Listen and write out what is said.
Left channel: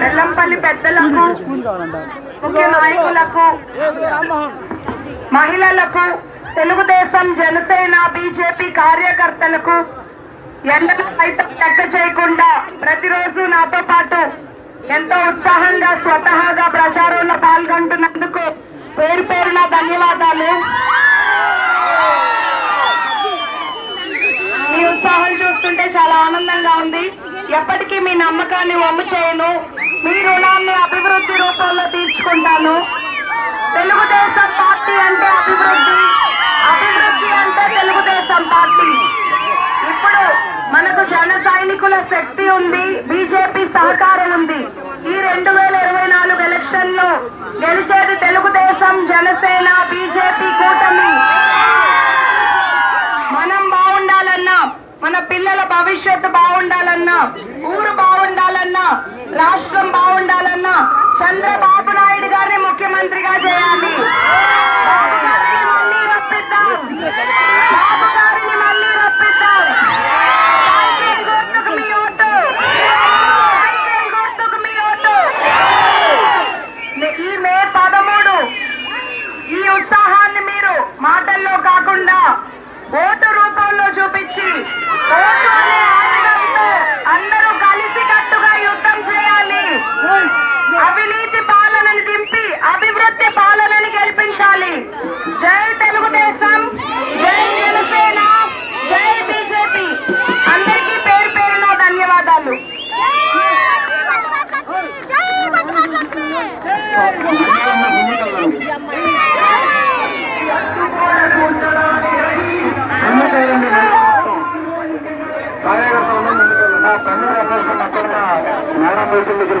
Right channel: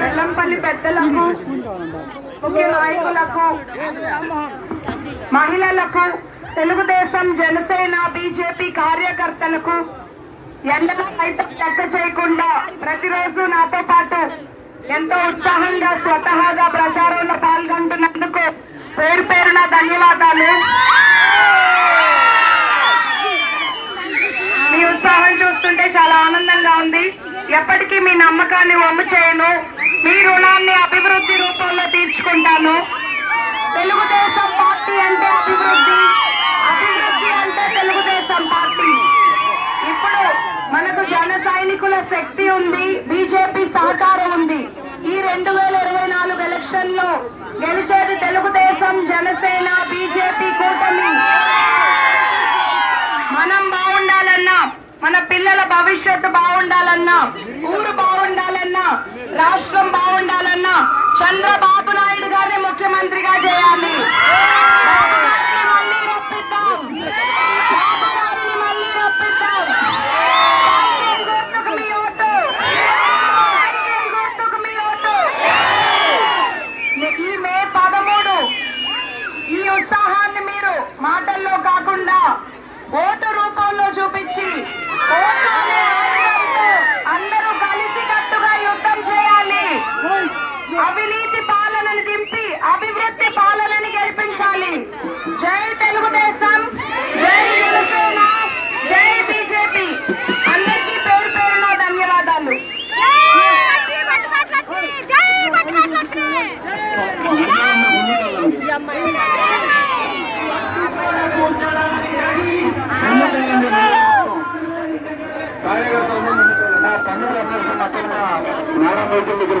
వెల్లంపల్లి పెద్దలకు, ముఖ్య నాయకులకు, మహిళలకు, తెలుగుదేశం, జనసేన, బీజేపీ కార్యకర్తలకు ఎండలు సైతం లెక్క చేయకుండా ప్రతిరోజు నాతో పాటు ఎంతో ఉత్సాహంగా స్వతహాగా ప్రచారంలో పాల్గొంటున్నందుకు పేరు పేరున ధన్యవాదాలు. మీ ఉత్సాహం చూస్తుంటే చాలా ఆనందంగా ఉంది. ఎప్పటికీ మీ నమ్మకాన్ని వమ్ము చేయను. మీ రుణాన్ని అభివృద్ధి రూపంలో తీర్చుకుంటాను. తెలుగుదేశం పార్టీ అంటే అభివృద్ధి, అభివృద్ధి అంటే తెలుగుదేశం పార్టీ. ఇప్పుడు మనకు జన సైనికుల శక్తి ఉంది, బీజేపీ సహకారం ఉంది. ఈ 2024 ఎలక్షన్ లో గెలిచేది తెలుగుదేశం, జనసేన, బీజేపీ కూటమి. మనం బాగుండాలన్నా, మన పిల్లల భవిష్యత్తు బాగుండాలన్నా, ఊరు బాగుండాలన్నా, రాష్ట్రం బాగుండాలన్నా చంద్రబాబు నాయుడు గారిని ముఖ్యమంత్రిగా చేయాలి. బాబు గారిని మళ్ళీ రప్పిద్దాం, బాబు గారిని మళ్ళీ రప్పిద్దాం. సైకిల్ గుర్తుకు మీ ఓటు, సైకిల్ గుర్తుకు మీ ఓటు. ఈ మే 13 ఈ ఉత్సాహాన్ని మీరు మాటల్లో కాకుండా ఓటు రూపంలో చూపించి, ఓటు అనే ఆయుధంతో అందరూ కలిసికట్టుగా యుద్ధం చేయాలి. అవినీతి పాలనని దింపి అభివృద్ధి పాలనని గెలిపించాలి. జై తెలుగుదేశం, జై జనసేన, జై బీజేపీ. అందరికీ పేరు పేరున ధన్యవాదాలు. కార్యకర్తలు నా పన్ను రమేష్ అక్కడ మేడం వెహికల్ దగ్గర